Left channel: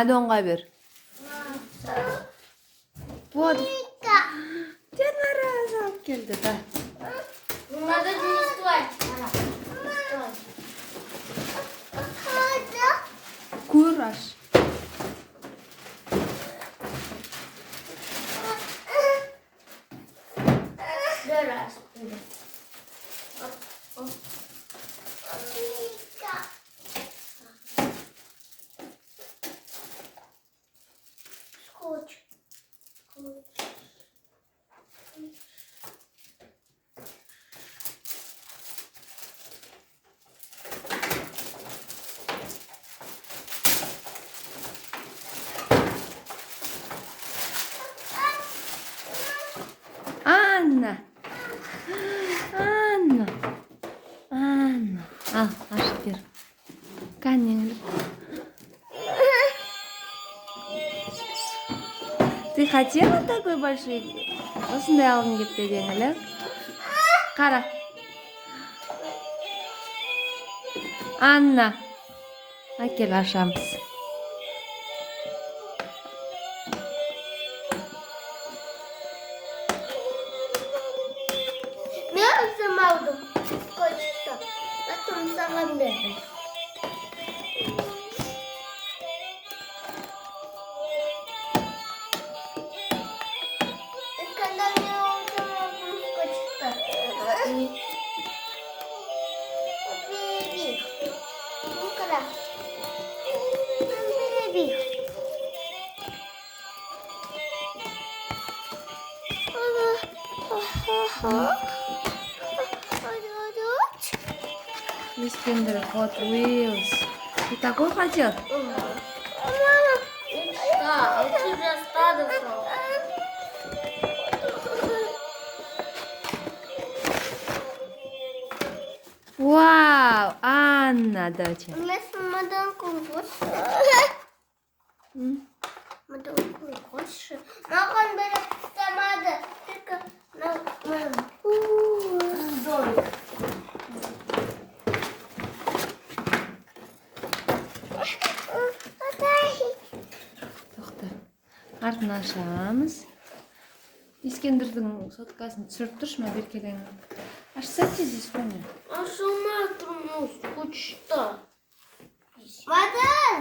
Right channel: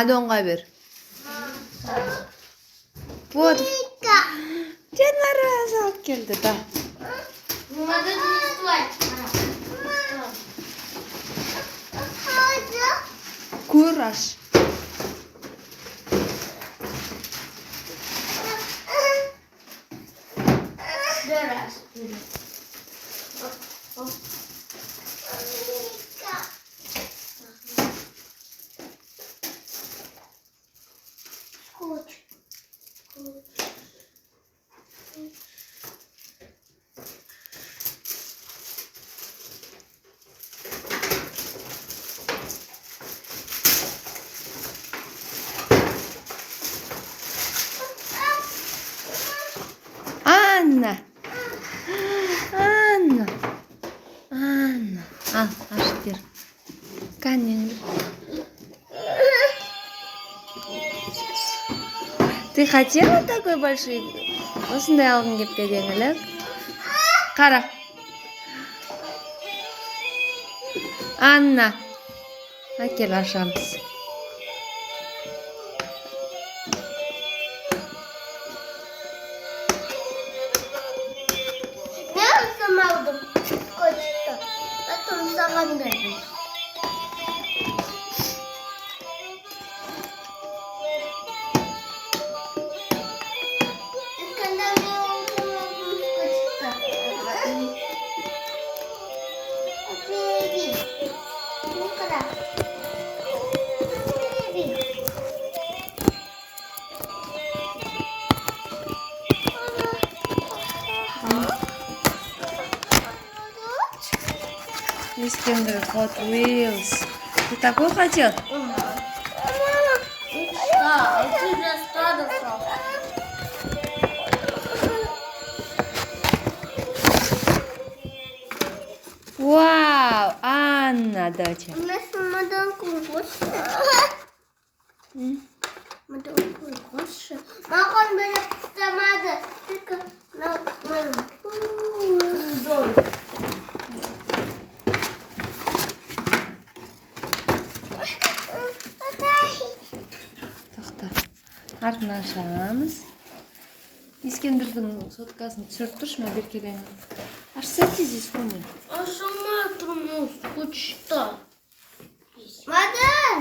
Алёнга бер. Вот. Жанара салып келди да. Надо доставать. Кураж. Раз. Скотч. Анна. Анна. Анна. Ашып бер. Кәне. Ты хотела такой большой? Осындай алғың келіп пе едің эле? Қара. Анна. Әкел ашамыз. Мен сама алдым. Скотчты. Потом саған бердім. Искендер Hot Wheels. Ты такой хотел? Да, это уже стадо. Вау, Анна, доча. У нас мадан кругошы. Мадан кругошы. Маған бәрі қыстамады. Только Тоқта. Артын ашамыз. Искендердің соткасын түсіріп тұршы ма беркелең. Ашсайте здесь, помню. Ашылмай тұрмыз, скучта. Мадан!